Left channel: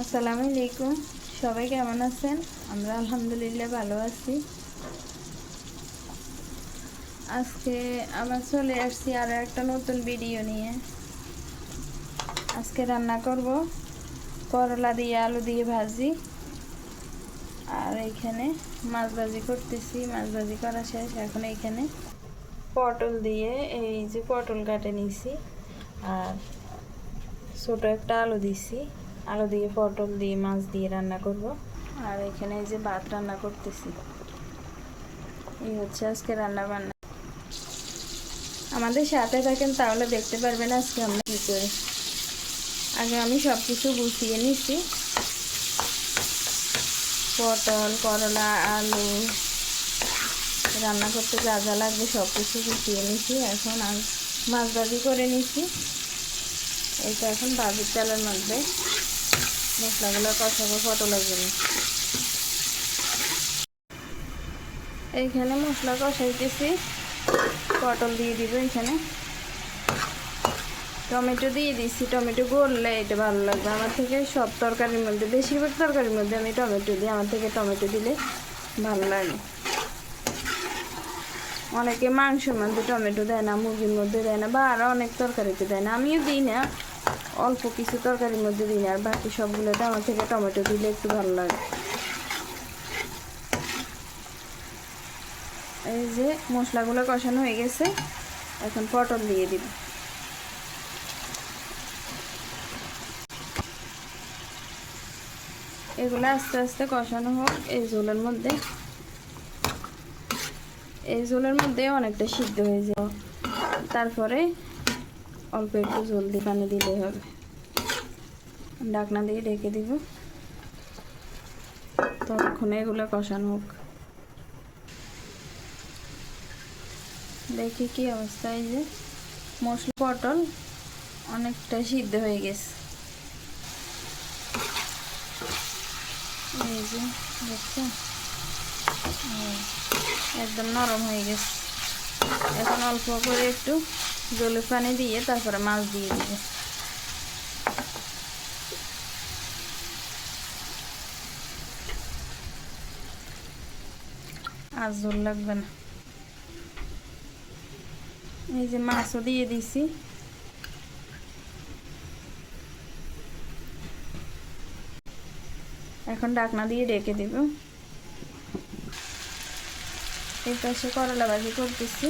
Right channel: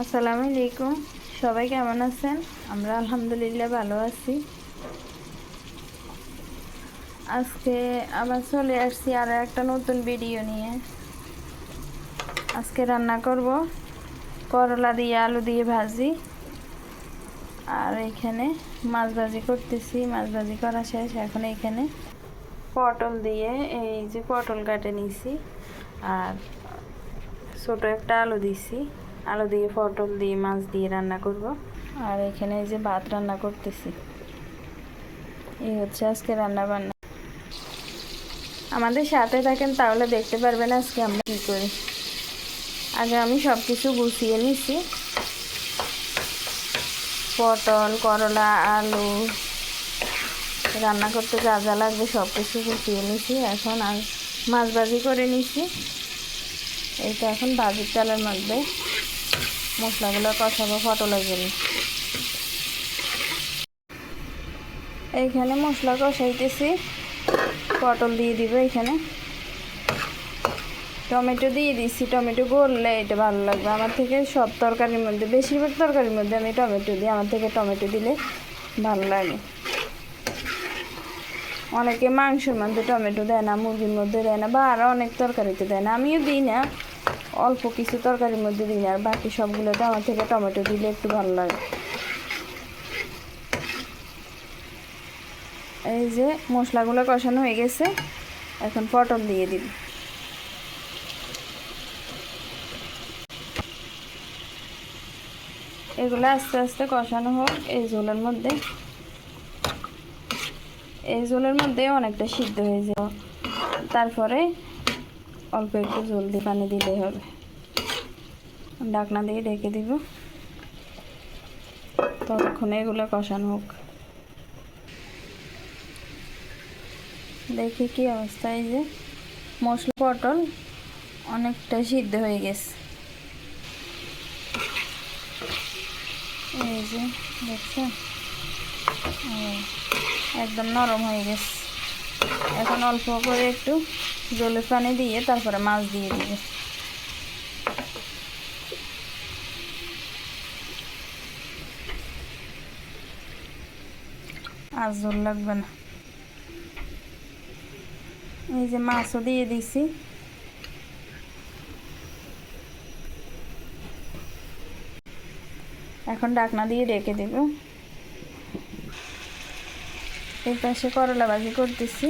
আসসালামু আলাইকুম। সবাই কেমন আছেন? আমরা আলহামদুলিল্লাহ ভালো আছি। আজকে আবার চলে আসছি আরও একটা নতুন ভিডিও নিয়ে। আজকে রান্না করব করলা দিয়ে আলু দিয়ে ভাজি, আর এখানে মাছ ভাজি করতেছি। মাছ ভাজি করা শেষ। এখন এখানে পটল দিয়ে এই যে পটল কাটে নিছি, আর ছোট একটা আলু দিছি। আলু দিয়ে পটল দিয়ে মাছ দিয়ে রান্না করব। আর এখানে এই যে ভাত রান্না করতেছি। এই হচ্ছে আজকে রান্না বান্না। আমাদের সাথে থাকেন তাহলে দেখতে পারবেন আজকে আমরা কী করি। আগে আমি সব কিছু গুছিয়ে নিছি। পটল, করলা, আলু রান্না করতে যা যা লাগবে সব কিছু গুছিয়ে নিছি। এখন আর মাছ ভাজি করে নিছি। এইটা এখন ভাজির চালের মধ্যে মশলাগুলো কষাবো পটলের জন্য। এইখানে মশলা কষাইতেছি, পটল দিয়ে দিব। এখানে টমেটো দিয়ে দিচ্ছি। টমেটো গললে এটা ভালো লাগবে আমার থেকে। সব তরকারির মধ্যে, বেশিরভাগ তরকারির মধ্যে আমি টমেটো দিই। আমার থেকে টমেটো দিলে ভালো লাগে। অনেকে মাংসের মধ্যে টমেটো দেয় না, মুরগির মধ্যে দেয় না, বা আরও অনেক তরকারিতে দেয় না। আমিও দিই না, অল্প কিছু তরকারির মধ্যে দিই না। আর বাকি সবগুলোতে আমার থেকে টমেটো দিলে একটু ভালো লাগে। এই যে মশলাগুলো কষানো হয়ে গেছে, এখন পটল দিয়ে দিব। এগুলো আস্তে আস্তে কষানো হোক এই ঝোলের মধ্যে। এই ঝোলের মধ্যে অনেকটা সিদ্ধ হয়ে যায়, তারপরে অল্প একটু ঝোল দিয়ে পানি দিলেই হবে। ঢাকনা দিয়ে ঢেকে দিব, ততক্ষণে এগুলো কষানো হোক। দেখি কি অবস্থা। এই যে মশলা পটল অনেকটা সিদ্ধ হয়ে গেছে। এই যে দেখছো, একদম নরম হয়ে গেছে। এখন অল্প করে একটু জলের পানি দিয়ে তারপরে মাছ দিয়ে দিবে। আর ঝোল লাগবে না। এই যে মাছও দিয়ে দিছি। এখন ঢাকনা দিয়ে ঢেকে দেব। এই পাশে করলা ভাজি করতেছি,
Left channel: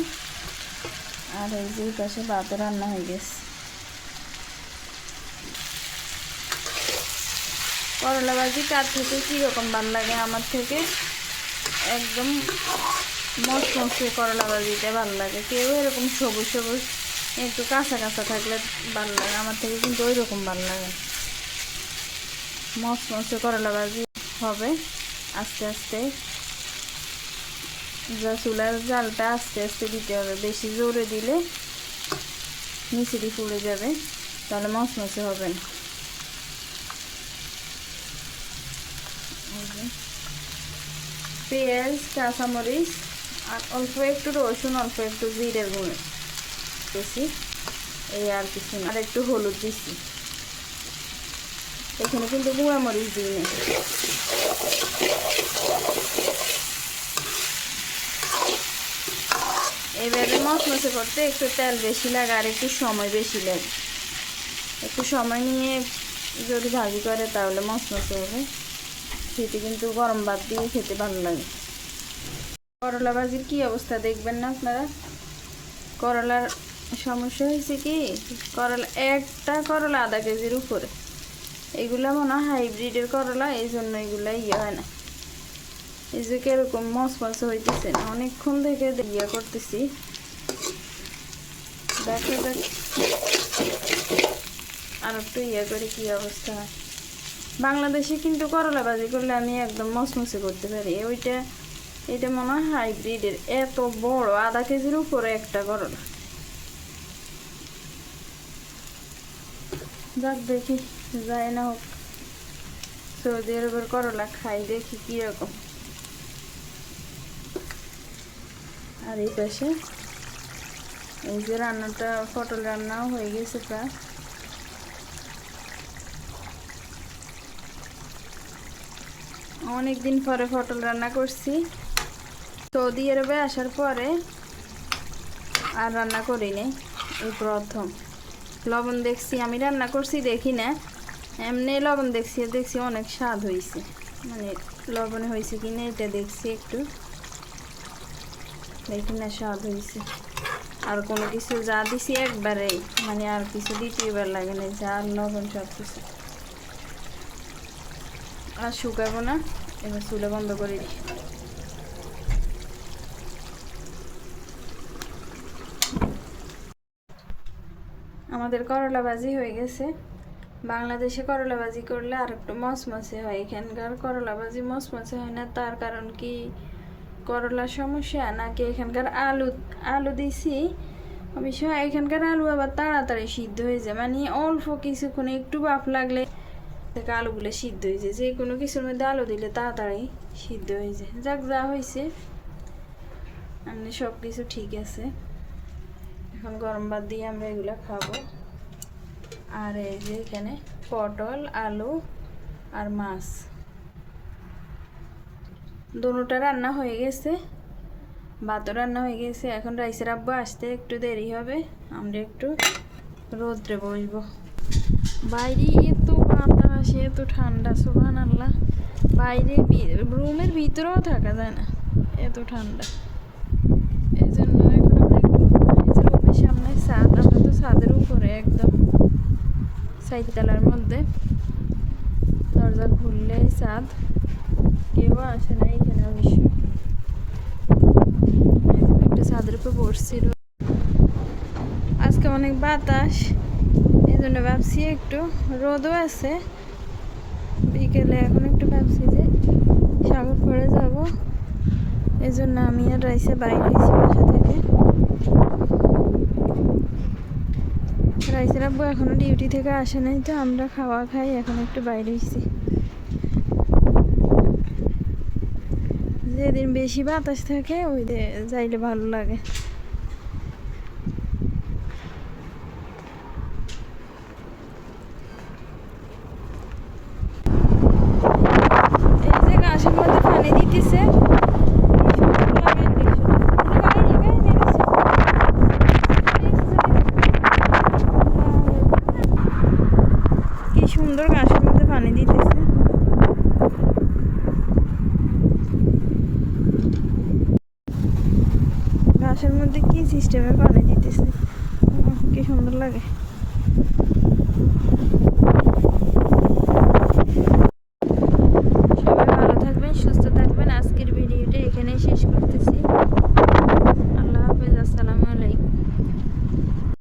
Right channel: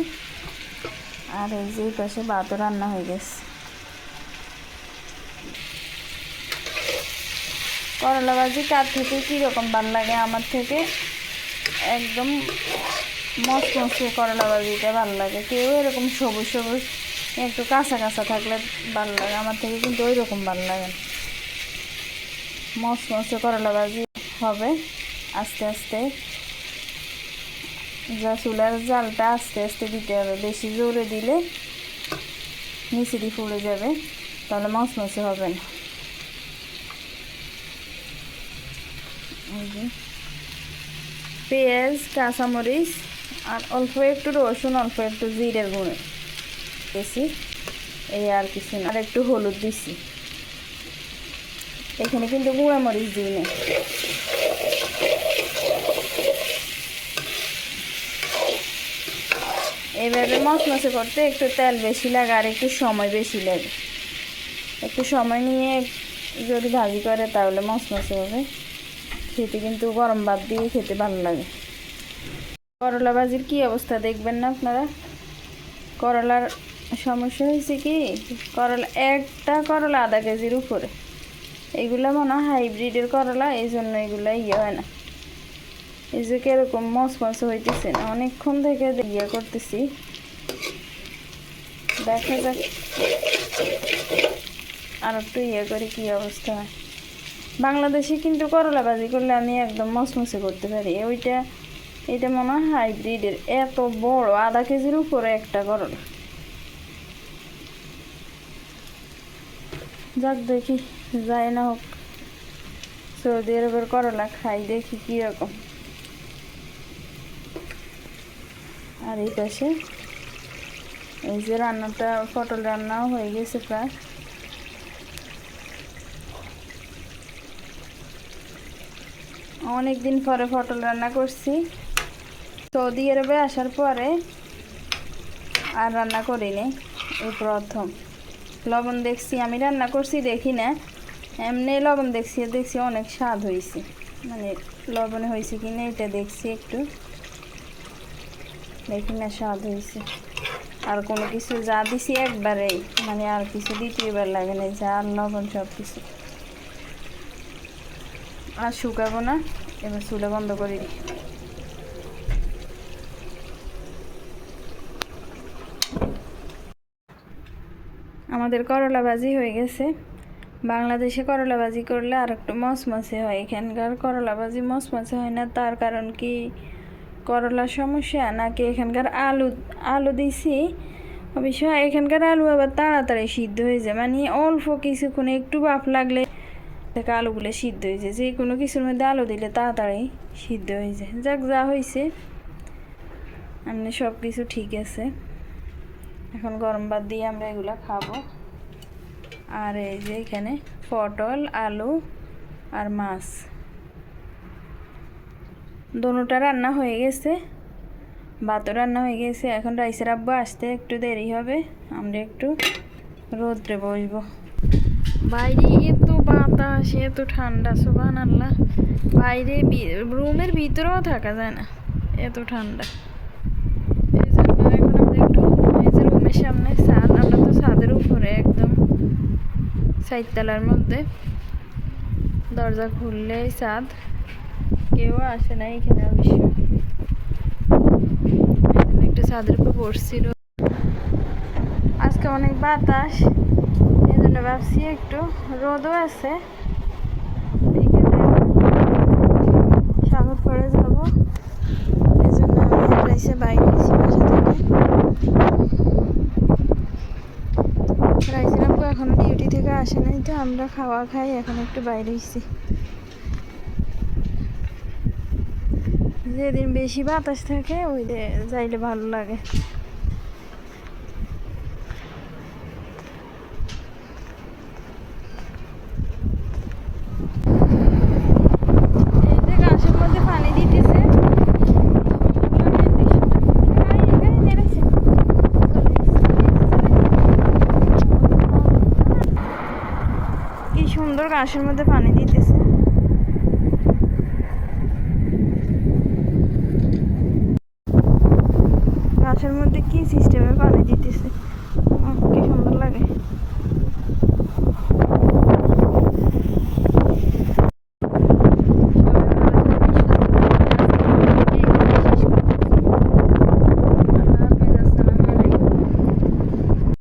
আর এই যে এই পাশে ভাতও রান্না হয়ে গেছে। করলা ভাজি কার থেকে কীরকম ভালো লাগে? আমার থেকে একদম মচমচে করলা ভাজিটা ভালো লাগে। কেউ এরকম সবুজ সবুজ একটু কাঁচা কাঁচা থাকলে ভালো লাগে, আমার থেকে কিন্তু ওই রকম ভালো লাগে না। মচমচে করলা ভাজি হবে আস্তে আস্তে। যা চুলার জালটা আস্তে আস্তে দিতে হবে, বেশি জোরে দিলে নিচে ফুলে যাবে, তাহলে মচমচে হবে না। পেঁয়াজ, কাঁচামরিচ আর অল্প একটু রসুন, অল্প একটু জিরের গুঁড়ো দিয়েছি, এই আর কিছু না। আর একটু হলুদ দিচ্ছি। এখানে কিন্তু গুঁড়া মরিচ দিই না। এইভাবে মচমচে করতে একটু তেল বেশি লাগে আর একটু সময় বেশি লাগে। একটু সময় নিয়ে যদি ভাজি করে তাহলে মচমচে হবে। খেতে কিন্তু গরম ভাত দিয়ে খেতে ভালো লাগে। করলা ভাজির কি অবস্থা দেখবেন না আপনারা। করলার সমস্যা হয়েছে কি, করলা একটা করলা আধা কেজির উপরে। এগুলা মনে হয় হাইব্রিডের করলা, এই জন্য এগুলা হয় না। এই যে কিরকম মচমচে হইতেছে না, অনেকক্ষণ থেকে করতেছি। দেখা যাক আর একটু করে কি অবস্থা হয়। বাংলাদেশে কিন্তু করলা ভাজি করলে আমি একদম মচমচে করতে পারি। এটা মনে হয় হাইব্রিডের। এত বড়, আধা কেজির উপরে একটা করলা। যাক দেখি, যায় না হোক। সৌদি আরবের করলা খাই, দেখি কীরকম। আর এই পাশে এই যে রান্নাটা, পটল রান্নাও হয়ে গেছে প্রায়। অনেক দিন পরে পটল রান্না করছি। সৌদি আরবে আসার পরে আর রান্না করিনি, এই প্রথম। লবণ দেখছি, আমি রান্না করছি দেখি না, এমনি লবণ দেখছি দেখছি অনেক স্বাদ হয়েছে, মানে লবণে হয়েছে কি না এটা দেখছি একটু, দেখি না স্বাদ হয়েছে। আর কোনো কিছু যা দিছি একবারেই, মানে আর কিছু দ্বিতীয়বার লাগে না, যা লবণ সব কিছু। আর শুকাবো না, এবার চুলা বন্ধ করে দিই। আমাদের করলা ভাজি হয়ে গেছে। বাংলাদেশে করলা ভাজি করলে আর একটু মচমচে হয়, এখানকার করলা ভাজি মচমচে হয় না। তার কারণ কি, করলার সমস্যা নাকি এখানকার আলু আলু দিছি, অবশ্য এখানকার আলু আবার তাড়াতাড়ি সিদ্ধ হয়ে যায়, মানে অল্প কিছুক্ষণে একটু বাপ লাগলে থেকে আলুগুলো সিদ্ধ হয়ে যায়। যে কোনো কিছুর মধ্যে আলু দিলে তাড়াতাড়ি সিদ্ধ হয়ে যায়। যাক, যা হয়েছে এমনি সব কিছু ঠিক আছে। এখন গরম ভাত দিয়ে আমরা এগুলো খাবো। আর এই যে এখানে পটল, আলু আর মাছ, দোনোটা রান্না হয়ে গেছে, ভাতও রান্না হয়ে গেছে। এখন রাইসের আব্বু আসতে একটু দেরি হবে, আমরা একটু রোদ্রে বসবো। বাইরে এত বাতাস, এত ঠান্ডা, সুবহানাল্লাহ। বাইরে রুমের ভিতরেও থাকা যায় না, এত ঠান্ডা। এই জন্য এখন আমরা একটু, এই যে রুমের সামনে ছাদ, আমরা তো ছাদের উপরে একদম 4 তলার মধ্যে, দরজা খুললেই ছাদ, কেউ আসে না এখানে অবশ্য। এই জন্য একটু ছাদের উপর বসছি। আজকে অনেক বাতাস, এই জন্য ভাবছি একটু রোদও আছে, বিকেলে এখন একটু ভাবছি যে সাগর পড়ে যাবো। এই জন্য আমি এসে বাইরে এসে বাসা থেকে। রাইসের আব্বু এখনো ডিউটি থেকে আসে নাই, তো আমরা খাওয়া খাই, এখন একটু বাইরে এসেছি। যেদিন বেশি বাতাস থাকে ওই যাইলে ভালো লাগে। এই যে গাছের মধ্যে পানি দিতেছে, কি সুন্দর গাছের মধ্যে পানি দিতেছে। গাছের মধ্যে কি সিস্টেমে পানি দিতেছে, কি সুন্দর লাগে।